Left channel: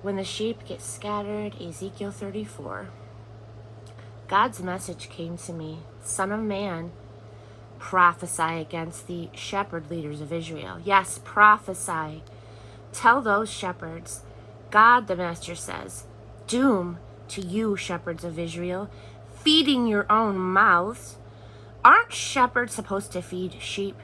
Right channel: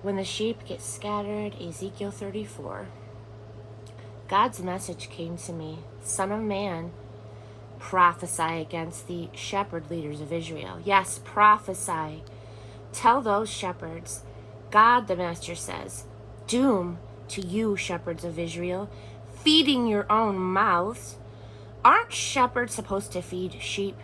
When the sheep get scattered, Ezekiel 34, God's message came to me, Son of man, prophesy against the shepherd leaders of Israel. Yes, prophesy. Tell those shepherds, God the Master says, doom to you, shepherds of Israel, feeding your own mouths. Aren't shepherds supposed to feed sheep?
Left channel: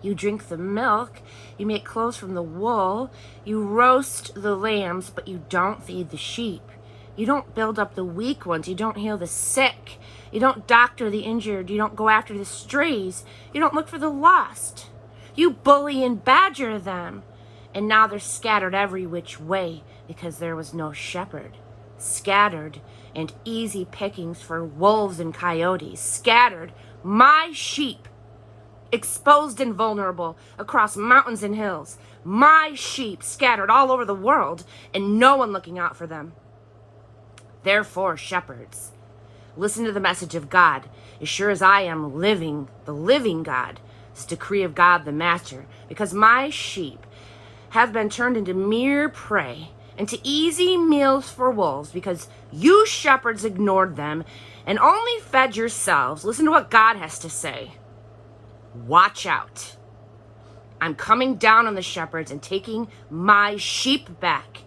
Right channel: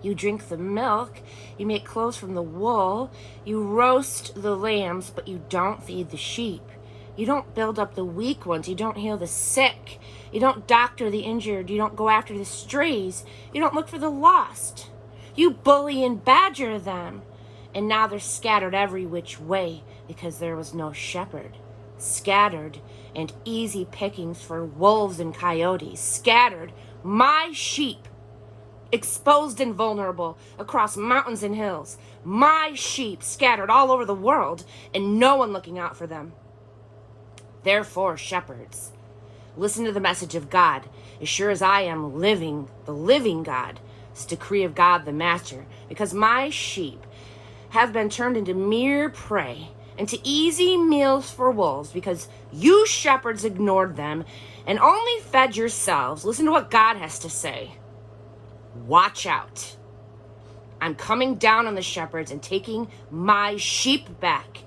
You drink the milk, you make clothes from the wool, you roast the lambs, but you don't feed the sheep. You don't build up the weak ones, you don't heal the sick, you don't doctor the injured, you don't go after the strays, you don't look for the lost. You bully and badger them, and now they're scattered every which way because there was no shepherd. Scattered and easy pickings for wolves and coyotes. Scattered, my sheep, exposed and vulnerable across mountains and hills. My sheep scattered all over the world and no one looking out for them. Therefore, shepherds, listen to the message of God. As sure as I am living, the living God, it's decree of God the Master, because my sheep have been turned into mere prey, into easy meals for wolves, because you shepherds ignored them and only fed yourselves. Listen to what God has to say. Watch out. I'm coming down on the shepherds and taking my sheep back.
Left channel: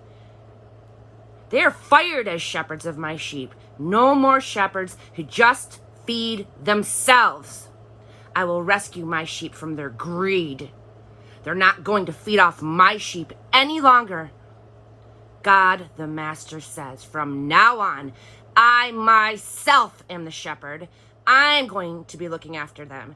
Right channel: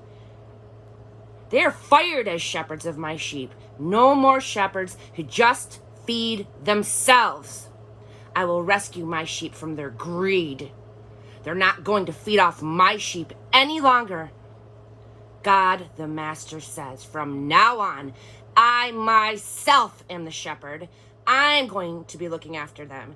They are fired as shepherds of my sheep. No more shepherds who just feed themselves. I will rescue my sheep from their greed. They're not going to feed off my sheep any longer. God the Master says, from now on, I myself am the shepherd. I'm going to be looking after them.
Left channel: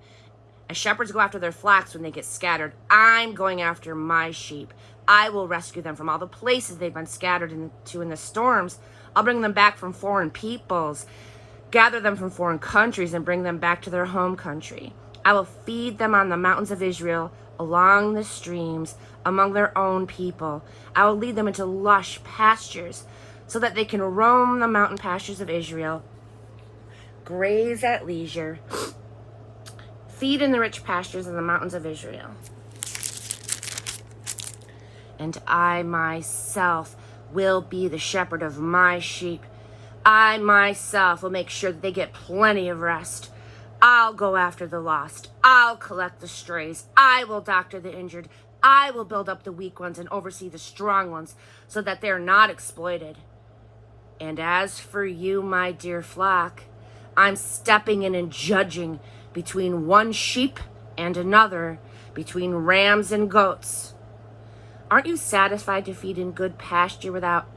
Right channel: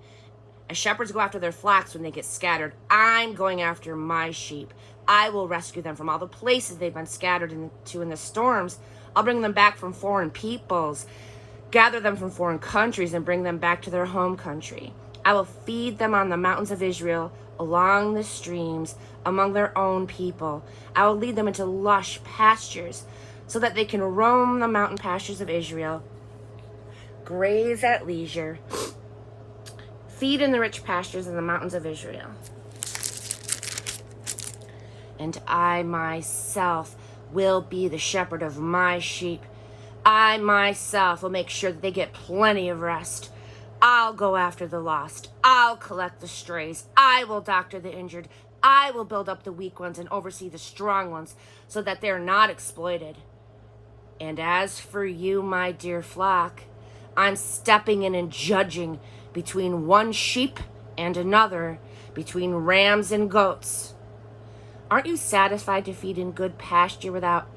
As shepherds go after their flocks when they get scattered, I'm going after my sheep. I will rescue them from all the places they've been scattered into in the storms. I'll bring them back from foreign peoples, gather them from foreign countries, and bring them back to their home country. I will feed them on the mountains of Israel, along the streams, among their own people. I will lead them into lush pastures so that they can roam the mountain pastures of Israel, graze at leisure, feed in the rich pastures in the mountains of Israel. And I myself will be the shepherd of my sheep. I myself will make sure that they get plenty of rest. I'll go after the lost. I'll collect the strays. I will doctor the injured. I will build up the weak ones and oversee the strong ones so that they're not exploited. And as for you, my dear flock, I'm stepping in and judging between one sheep and another, between rams and goats. Aren't you satisfied to feed in good pasture without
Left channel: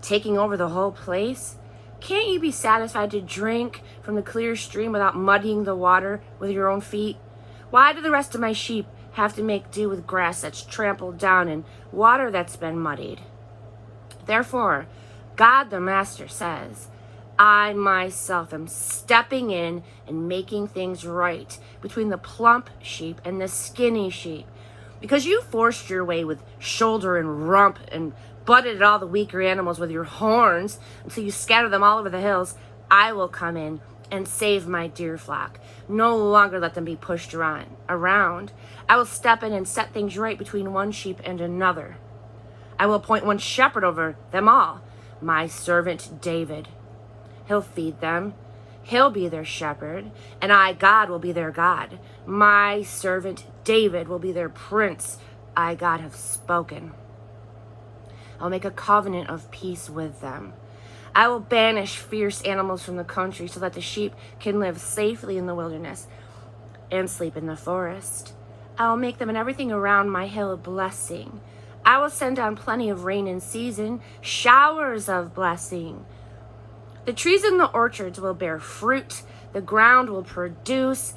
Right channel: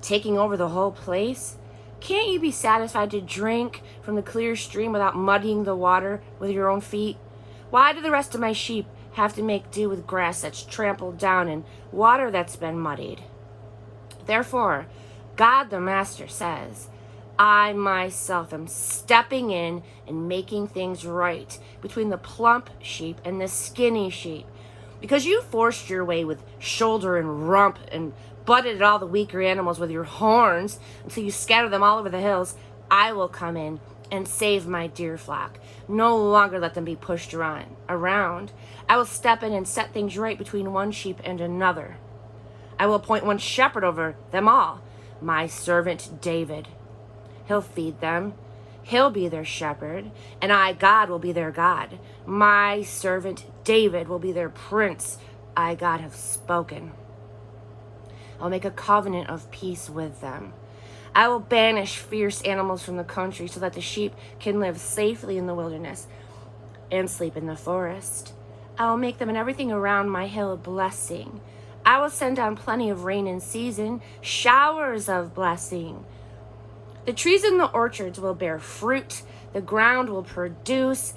taking over the whole place? Can't you be satisfied to drink from the clear stream without muddying the water with your own feet? Why do the rest of my sheep have to make do with grass that's trampled down and water that's been muddied? Therefore, God the Master says, I myself am stepping in and making things right between the plump sheep and the skinny sheep. Because you forced your way with shoulder and rump and butted at all the weaker animals with your horns until you scatter them all over the hills, I will come in and save my dear flock. No longer let them be pushed around. I will step in and set things right between one sheep and another. I will appoint one shepherd over them all, my servant David. He'll feed them. He'll be their shepherd, and I, God, will be their God. My servant David will be their prince. I, God, have spoken. I'll make a covenant of peace with them. I will banish fierce animals from the country so that the sheep can live safely in the wilderness and sleep in the forest. I will make them and everything around my hill a blessing. I will send down plenty of rain in season, showers of blessing. The trees in the orchards will bear fruit. The ground will produce.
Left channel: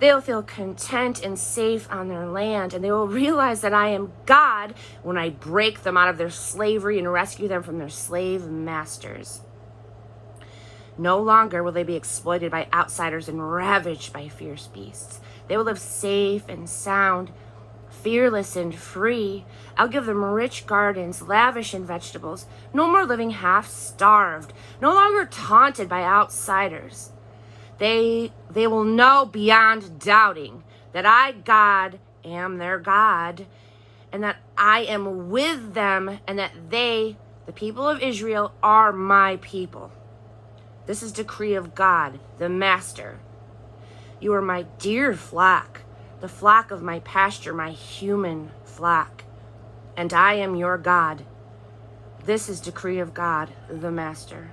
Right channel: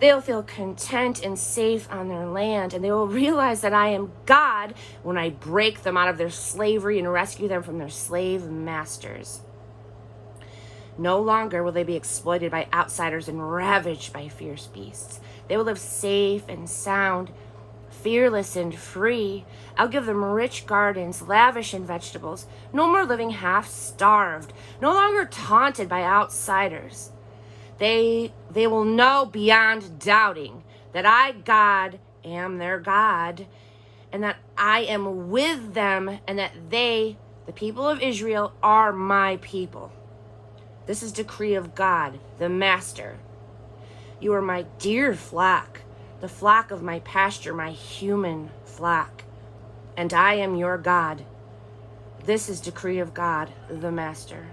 They'll feel content and safe on their land, and they will realize that I am God when I break them out of their slavery and rescue them from their slave masters. No longer will they be exploited by outsiders and ravaged by fierce beasts. They will live safe and sound, fearless and free. I'll give them rich gardens, lavish in vegetables. No more living half-starved. No longer taunted by outsiders. They will know beyond doubting that I, God, am their God, and that I am with them, and that they The people of Israel are my people. This is decree of God, the Master. You are my dear flock, the flock of my pasture, my human flock, and I am your God. This is decree of God, the Master.